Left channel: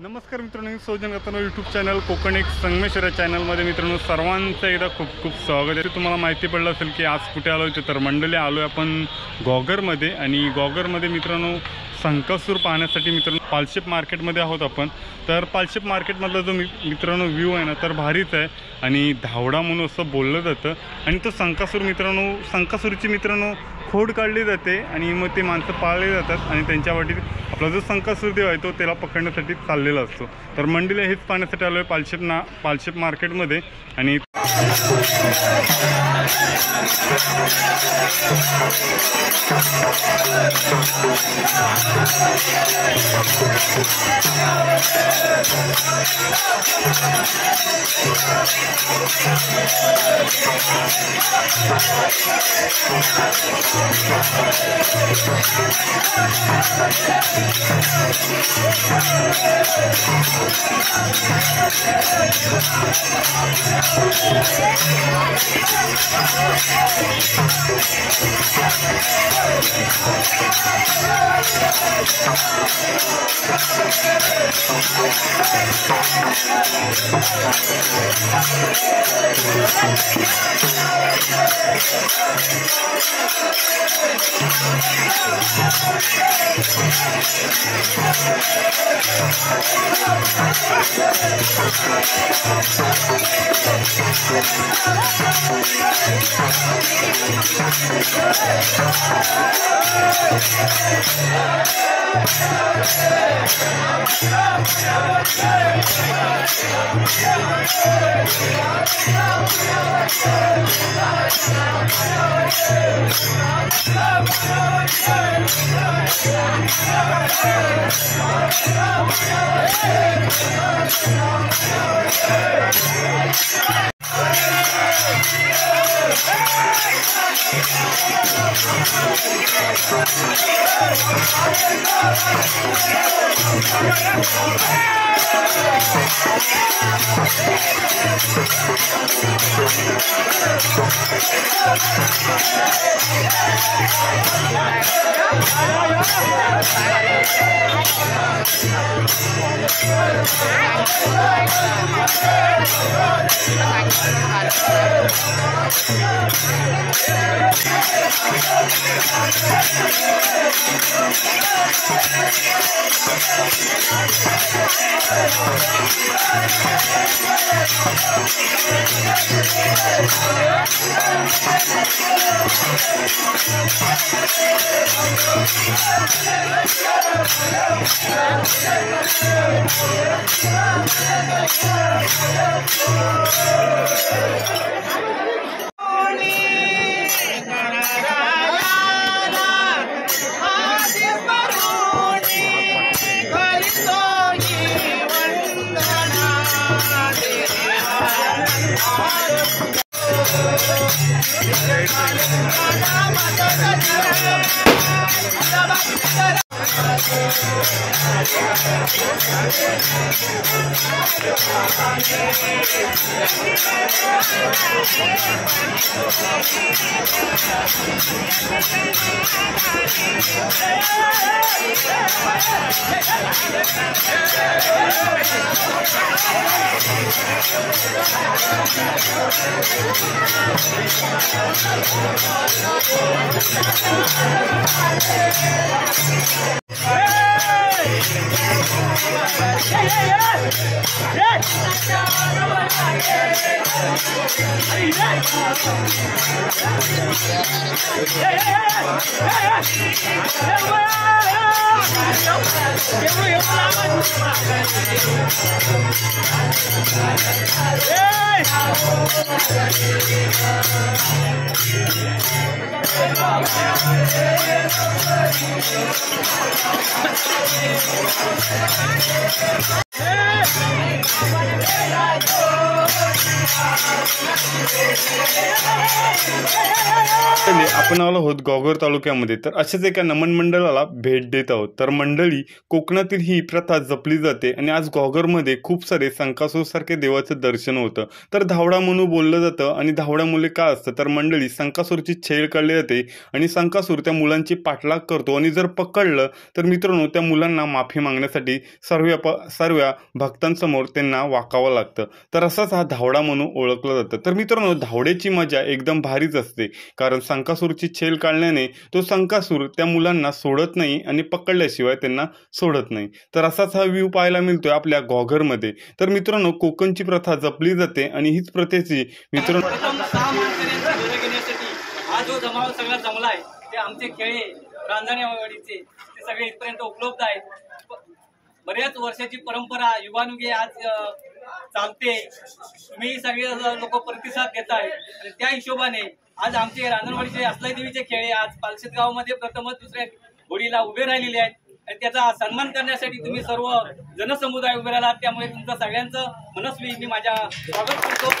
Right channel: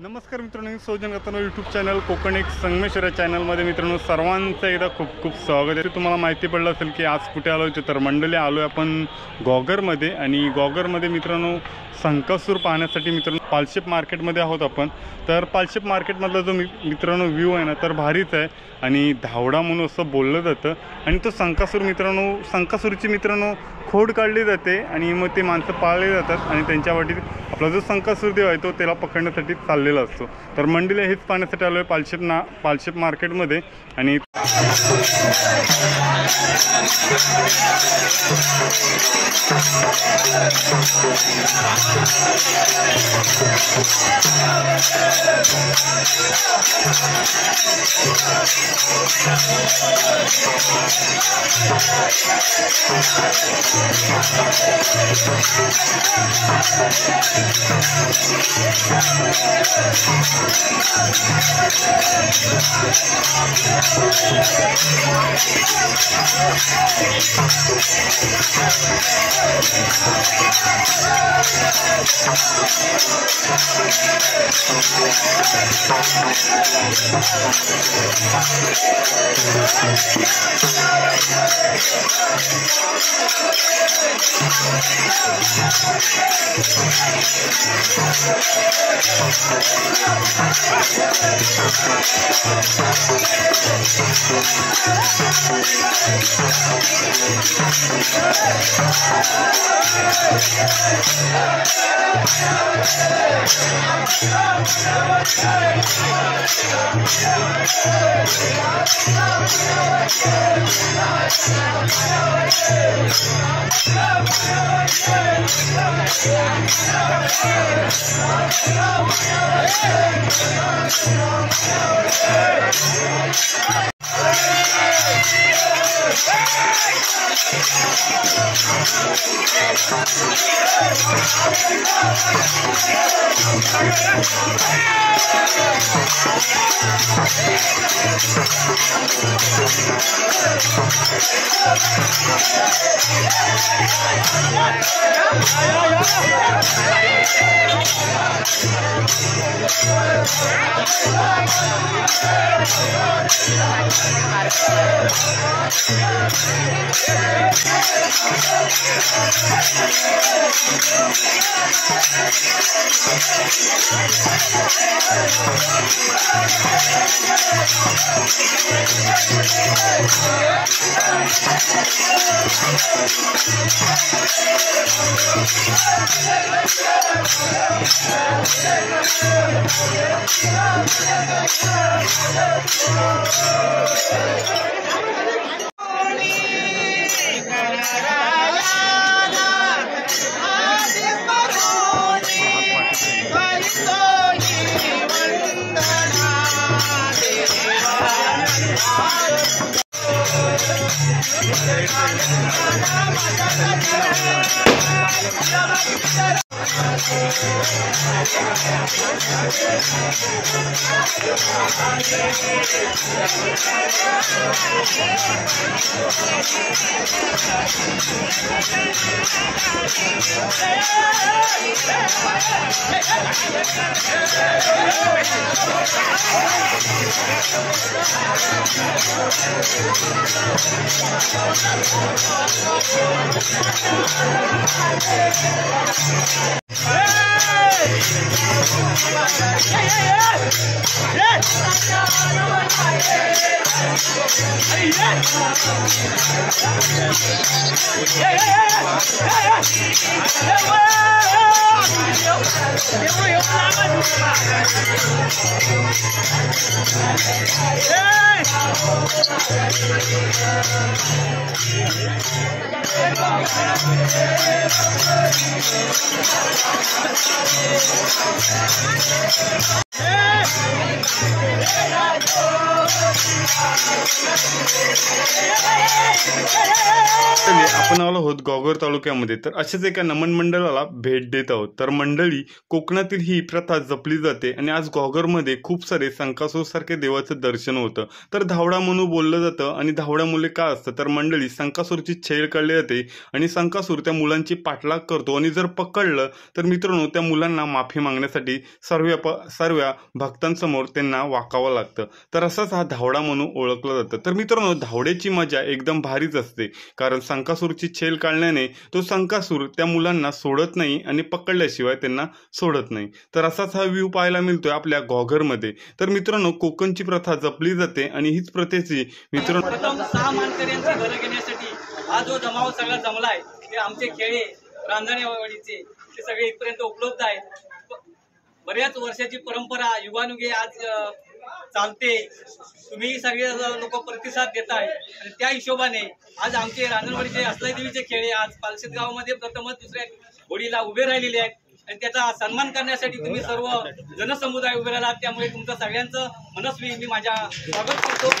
नमस्कार मित्रांनो, मी सौजन गतानो YouTube channel Konkan एक संगमेश्वर चॅनलमध्ये मित्रांनो सर्वांचं एकदा खूप खूप स्वागत आहे। तुम्हाला माहिती पडलं असेल की आज कुठे आलो होतो, तर मंडळी आलो आहे आपण गॉगरमध्ये। आणि गॉगरमध्ये मित्रांनो संकासूर पाहण्यासाठी मित्रांनो पालशेप मार्केटमध्ये आहोत आपण। तर पालशेप मार्केटमधला जो मित्रांनो व्ह्यू आहे ना, तर भारीच आहे आणि धावडा म्हणून असं बोललं जातं। आणि तो संकासूर मित्रांनो, संकासूरची मित्रांनो खोड काढली जाते आणि मग ते माणसं पाळले जातात आणि त्यांच्या वाटीत आपला जो संकासूर देव आहे तो त्याला पकडण्यासाठी चाललेला असतो। तर मंडळीला हेच पाहण्यासाठी आलो आहे पालशेप मार्केटमध्ये। आणि आपण आलो आहोत घोगर तालुक्यामध्ये, तर अशाच एका नमन मंडळाला भेट देत आहोत। तर मंडळी, कोकणातील ही प्रथा जपली जाते आणि आज घोगरमध्ये खूप सारे संकासूर सारखे देवाचं दर्शन होतं। तर धावडा म्हणून बोललं जातं आणि धावडा मुले का असतं, तर मंडळी संकासूरची छेड काढली जाते आणि संकासूर त्या मुलांची पाठलाग करतो आणि जर पकडलं तर मित्रांनो त्या मुलांना माफी मागण्यासाठी सर्व भक्तांसमोर त्यांना वाकावं लागतं। तर असाच हा धावडा म्हणून ओळखला जातं। तर मित्रांनो, धावड्याची मजा एकदम भारीच असते, कारण संकासूरची छेल काढल्याने तो संकासूर त्या मुलांना सोडत नाही आणि पकडल्याशिवाय त्यांना सोडत नाही। तर असाच हा व्ह्यू पाहायला मिळतोय आपल्या घोगरमध्ये। तर मित्रांनो, कोकणची प्रथा जपली जाते आणि हीच प्रथेची मित्रांनो हा जो जमाव सगळा जमलाय ते आमचे खेळे रांजणेवाडीचे ते सगळे इथपर्यंत उपलब्ध आहेत। बऱ्याच वर्षाची परंपरा युगानुगे आज चालते। तुम्ही सगळे लोक प्रतिसाद देताय आणि त्या हिशोबाने आज आमचे रांजणवाडीचे असलाई देवीचे खेळे आज पालशेत गावामध्ये प्रथमच दुसऱ्या होडीला उभे राहिलेले आहेत आणि त्याचा सन्मान करण्यासाठी तुम्ही सर्व जनसमुदाय उभे राहिलात। त्यामुळे तुमचं सगळ्यांचं मनस्वी मी माझ्या स्वागत करतो।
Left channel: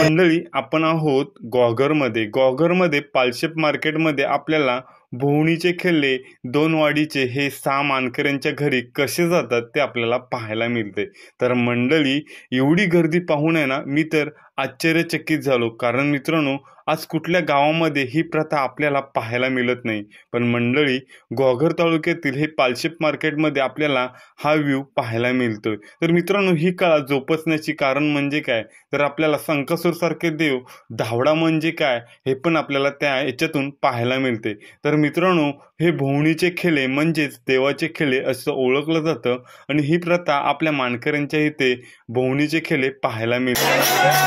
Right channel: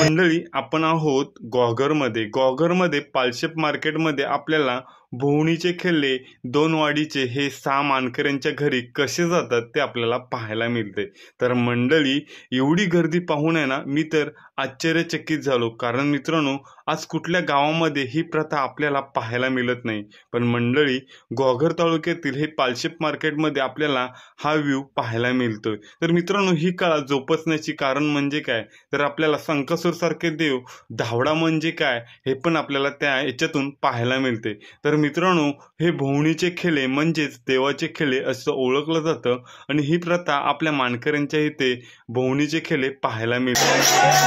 मंडळी, आपण आहोत घोगरमध्ये पालशेत मार्केटमध्ये आपल्याला भोवणीचे खेळले दोन वाडीचे हे 6 मानकऱ्यांच्या घरी कसे जातात ते आपल्याला पाहायला मिळते। तर मंडळी, एवढी गर्दी पाहून आहे ना, मी तर आश्चर्यचकित झालो, कारण मित्रांनो आज कुठल्या गावामध्ये ही प्रथा आपल्याला पाहायला मिळत नाही. पण मंडळी, घोगर तालुक्यातील हे पालशेत मार्केटमध्ये आपल्याला हा व्ह्यू पाहायला मिळतोय. तर मित्रांनो, ही कला जोपासण्याची कारण म्हणजे काय, तर आपल्याला संकसूर सारखे देव, धावडा म्हणजे काय हे पण आपल्याला त्या याच्यातून पाहायला मिळते. तर मित्रांनो, हे भोवणीचे खेळे म्हणजेच देवाचे खेळे असं ओळखलं जातं आणि ही प्रथा आपल्या मानकऱ्यांच्या इथे भोवणीचे खेळे पाहायला मिळते.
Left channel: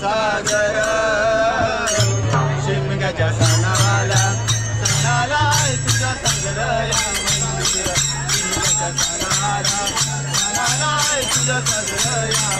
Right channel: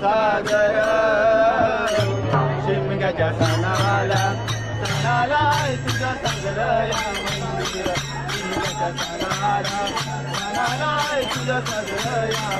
सागर शिमग्याच्या सणाला तुझं सगळं शिमग्याच्या सणाला तुझं सगळं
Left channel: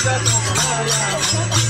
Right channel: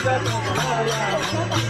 तुझं सजलं या मंदिर